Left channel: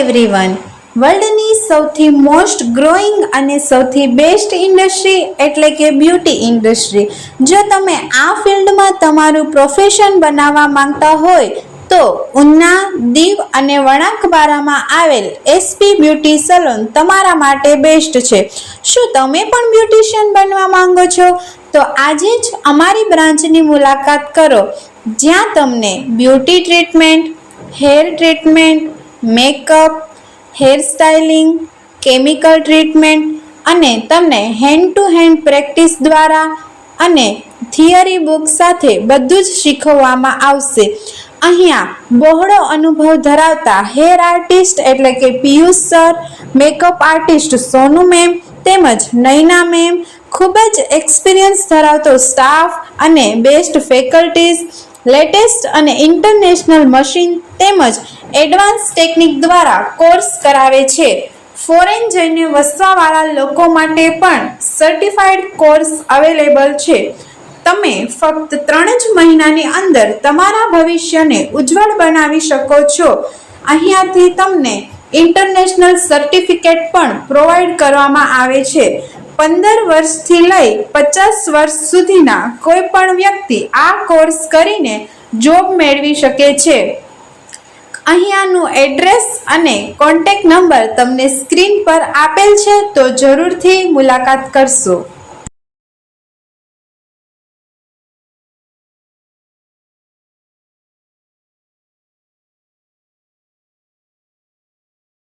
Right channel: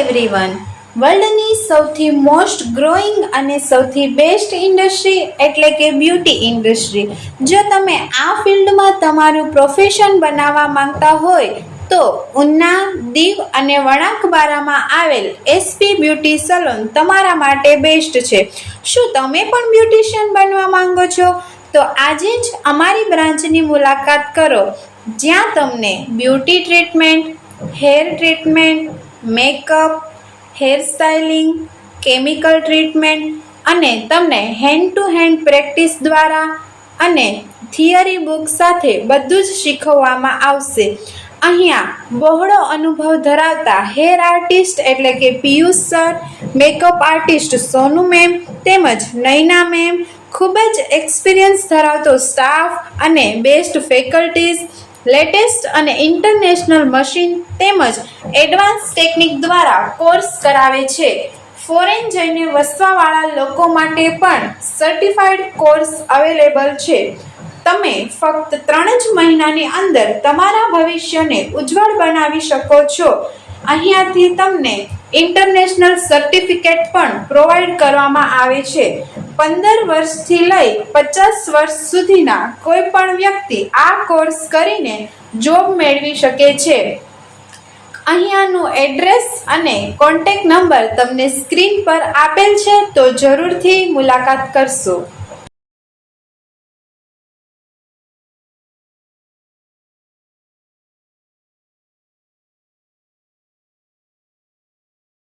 Everyone, વર્લ્ડની સૌથી most growing અને સૌથી બેસ્ટ ઇન્ડસ્ટ્રી એટલે કે બ્યુટી ઇન્ડસ્ટ્રી. જો તમે આ ફિલ્ડમાં તમારું પ્રોફેશન બનાવવા માંગતા હોય તો ઉના, દીવ અને વણાકબારામાં આવેલ એસપી બ્યુટી સલોન તમારા માટે બેસ્ટ છે. શું તમે પણ બ્યુટિશિયન બનવા માંગો છો? તો આજે જ અમારી બ્રાન્ચની મુલાકાત કરો, જ્યાં તમને beauty treatment, hair treatment, makeup, hair styling, chemical treatment અને તમને હેન્ડ ટુ હેન્ડ પ્રેક્ટિસ દ્વારા અને થિયરી બુક સાથે બધું જ શીખવવામાં આવશે. અહીંયા બહોળો અનુભવ ધરાવતા હેર આર્ટિસ્ટ એટલે કે પિયુષ સર, મેકઅપ આર્ટિસ્ટ સોનુ મેમ તેમજ નૈના મેમ, ખૂબ જ એક્સપિરિયન્સ ધરાવતો સ્ટાફ અને બેસ્ટ ફેકલ્ટીઝ, લેટેસ્ટ અને ઇન્ટરનેશનલ મશીન તેમજ એડવાન્સ ટેકનિક દ્વારા કોર્સ કરાવે છે. ફોરેન જઈને વસવાવાળા લોકો માટે પણ સર્ટિફાઈડ કોર્સ અવેલેબલ છે. તમે ફક્ત 3 જ મહિનાની અંદર તમારા ભવિષ્યને ઉજ્જવળ બનાવી શકો છો. અહીંયાથી તમને ઇન્ટરનેશનલ સર્ટિફિકેટ પણ પ્રોવાઈડ કરવામાં આવે છે. 15 વર્ષથી લઈ 50 વર્ષ સુધીના કોઈ પણ વ્યક્તિ આ કોર્સ કરીને જોબ મેળવી શકે છે. અહીંયાનું એડ્રેસ અને કોન્ટેક્ટ નંબર તમને સ્ક્રીન પર આપેલ છે, તો જરૂરથી મુલાકાત કરશો.